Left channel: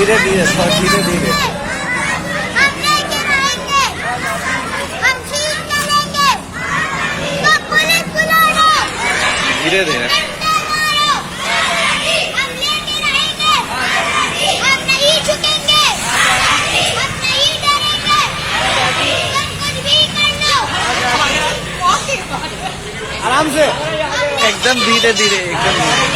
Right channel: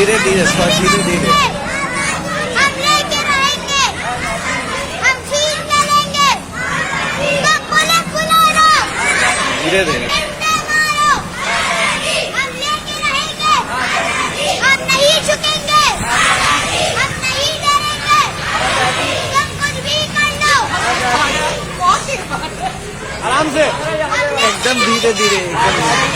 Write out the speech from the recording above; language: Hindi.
धीरे धीरे शॉट धीरे धीरे। हम लेके आएंगे, हम सील करेंगे, तो पुलिस बुला लो, धीरे धीरे। डंडे मारो, हम लेके रहेंगे, हम नहीं झुकेंगे, हम नहीं डरेंगे, तुम कुछ भी कर लो। एकदम धीरे धीरे एकदम धीरे।